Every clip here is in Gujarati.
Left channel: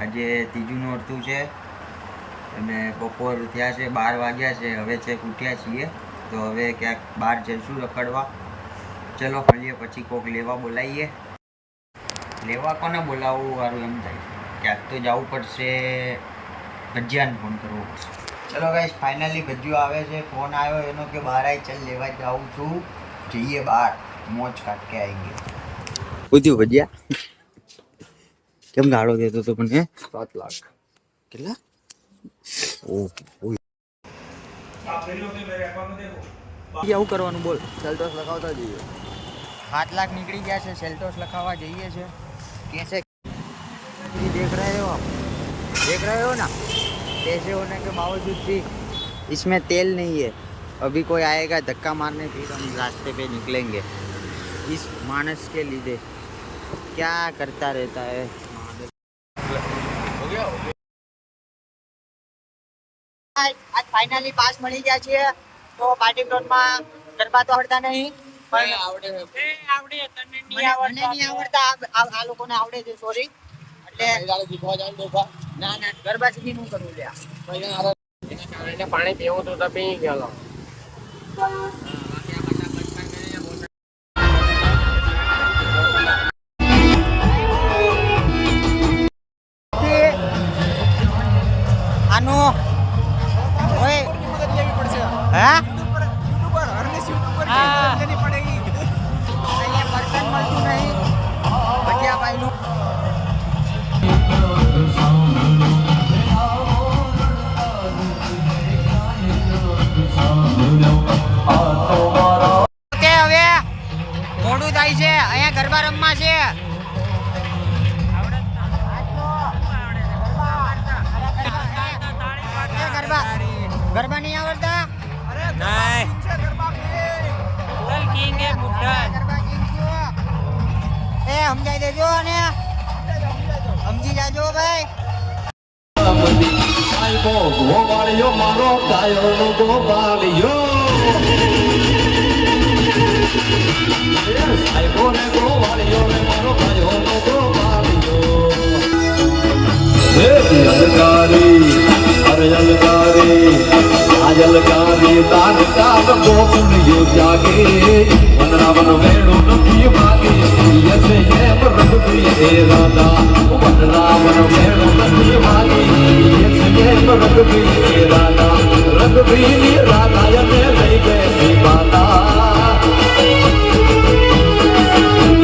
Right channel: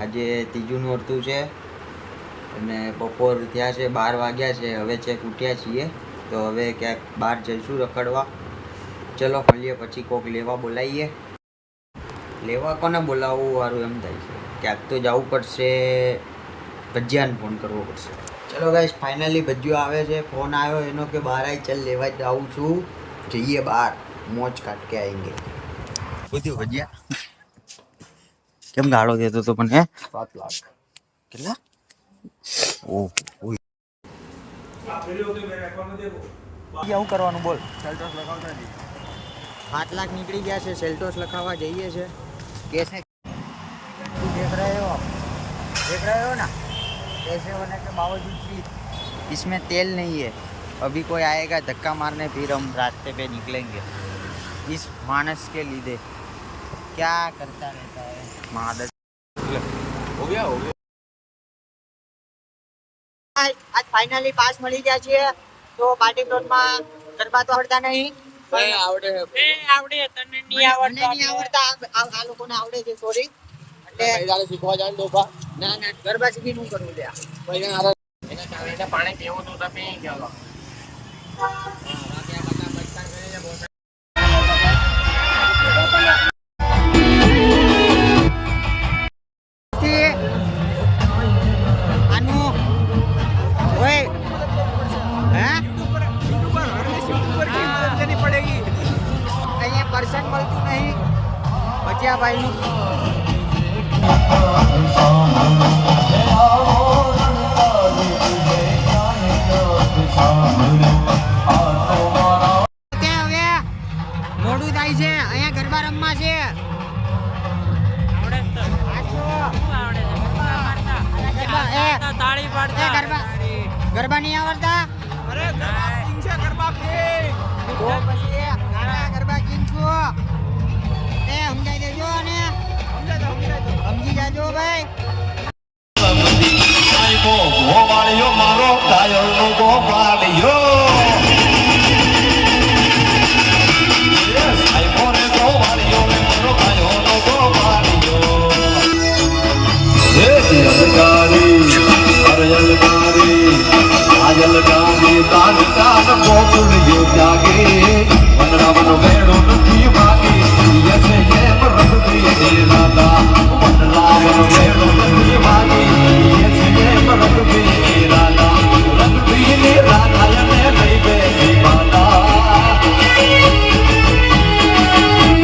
આજે ત્રીજું નોરતું છે અને બપોર થયા છે 12 વાગ્યા છે. હવે ચેક ઉઠ્યા છીએ તો હવે ક્યાંક બહાર જઈશું રખડવા. ચલો મળીએ પછી. કોક લેવા બોલાવીએ. લેવા કોને બોલાવવું સારું એમ થાય છે. ક્યાંક તો જવું પડશે. ભજીયાને ફોન કરવો પડશે. ચલો ગાઈસ ફાઇનલી ભજીયો આવે છે. ફોન આવ્યો એનો કે બહાર આવી ચાલ લેવા જાઉં છું. જઈએ બહાર મોજ કાઢ કે આएंगे. પૂછ્યું ભજીયા કેમ ગાળો દેતો તો મને? 7 લાખ કેટલા? ઓહ આવું કરવાનું બોલ. સેલ્ટોસ લખાવતા જઈએ. 7 લાખ નીકળી ગયા છે. સેલ્ટોસ લખાવવા જઈએ છે. कैसे देख रहे हो आप? देख रहे हो ना पैसे होने के बावजूद भी इसमें तेल नहीं है. अभी कोई आएगा धक्का मारने फिर हम रास्ते पे निकलेंगे इस मानस के લીધે. क्या करता रहता है महादर. हो गया आज फाइनली पास મળી ગયા છે. તો પાર્ટી પ્લોટમાં ગરબા તો આવડતા નહીં. આવડે તને નહીં આવડતા. આ લોકોને આવડે છે. સોરી એટલે શીખવા જાણ ડોફા. ના ગરબા શીખી નું કરવું લ્યા. એના કારણે પાણી પીવું તો તમે ગયો. આનું ઓય હા યુટ્યુબર હરલેસ યુટ્યુબર કે મદદ લેની પડેગી. અહીંયા પર્સન મળતું નહીં. ભજીયા ભાઈનું હવે મોડું થાય છે. અહીંયા ગરબા રમવા છે. ગરબા નહીં આવડતા? અરે ગરબા કિંગ છે. ગરબા કિંગ છું. એ સમજાઈ દેજો અને સમજી જાજો ભાઈ. મારો ગાયો નો ગોવાળિયો જલગારી તાન કામ ગોકુળિયો જાગે વનરાવન વેણો નથી ભાગે યસે એમ રંગી હે રાધા વનરાવન વેણો નથી ભાગે યસે એમ રંગી હે રાધા રંગી ની રાધાયને લઈ ગઈ માતા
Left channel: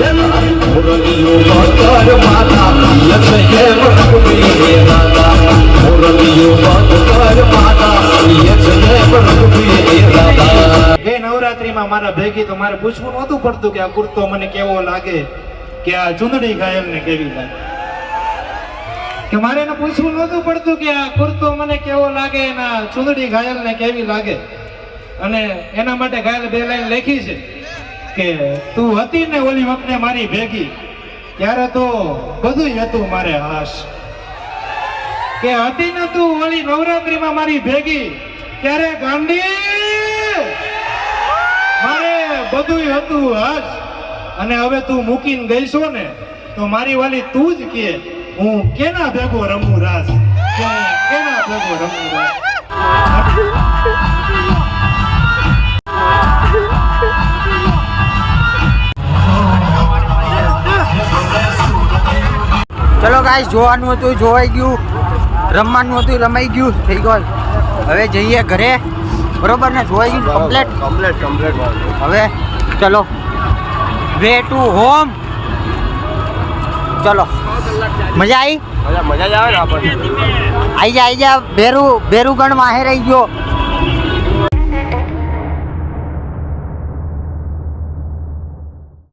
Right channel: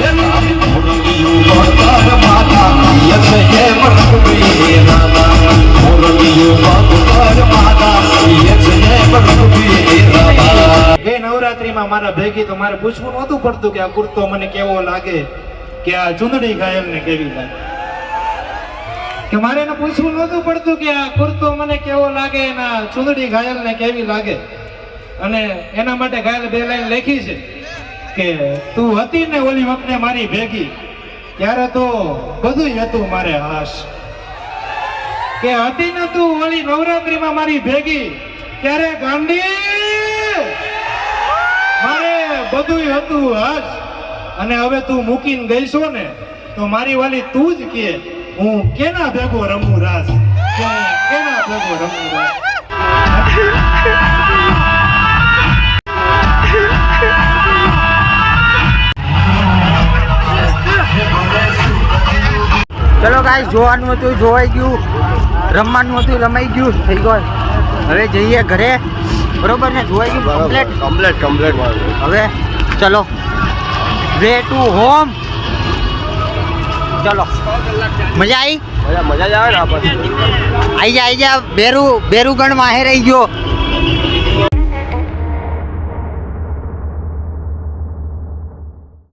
યે મોરલિયો વગર માતા યસે એમ રંગી હે રાધા મોરલિયો વગર માતા એ નવરાત્રીમાં મારા ભેગી તો મારે પૂછવું નહોતું પડતું કે આ કુર્તો મને કેવો લાગે કે આ ચુંદડી ઘાયલ ને કેવી લાગે. કે મારે એને પૂછવું નહોતું પડતું કે આ કુર્તો મને કેવો લાગે એના ચુંદડી ઘાયલ ને કેવી લાગે. અને એના માટે ઘાયલ 2 લાઈન લખી છે કે તું હતી ને ઓલી વખતે મારી ભેગી ત્યારે તો બધું હતું મારે હાશ. કે હતી ને તું ઓલી નવરાત્રીમાં મારી ભેગી ત્યારે ગાંડી મારે બધું હતું હાશ. અને હવે તું મૂકીને ગઈ છો ને તો મારી વાલી તું જ કે હું કેના ભેગો રમું રાસ. કેના ભેગો રમું રાસ. ચલો ગાઈસ જોવાનું હતું જોવાઈ ગયું. રમવાનું હતું રમાઈ ગયું. થઈ ગયું. હવે જઈએ ઘરે. બરોબર ને? જોઈ ગયું કમ્પ્લીટ. હવે ચલો વે ટુ હોમ. ચલો મજા આવી? મજા જ આવે ને. આઈ જા બેરુગણ માહે રહી ગયો.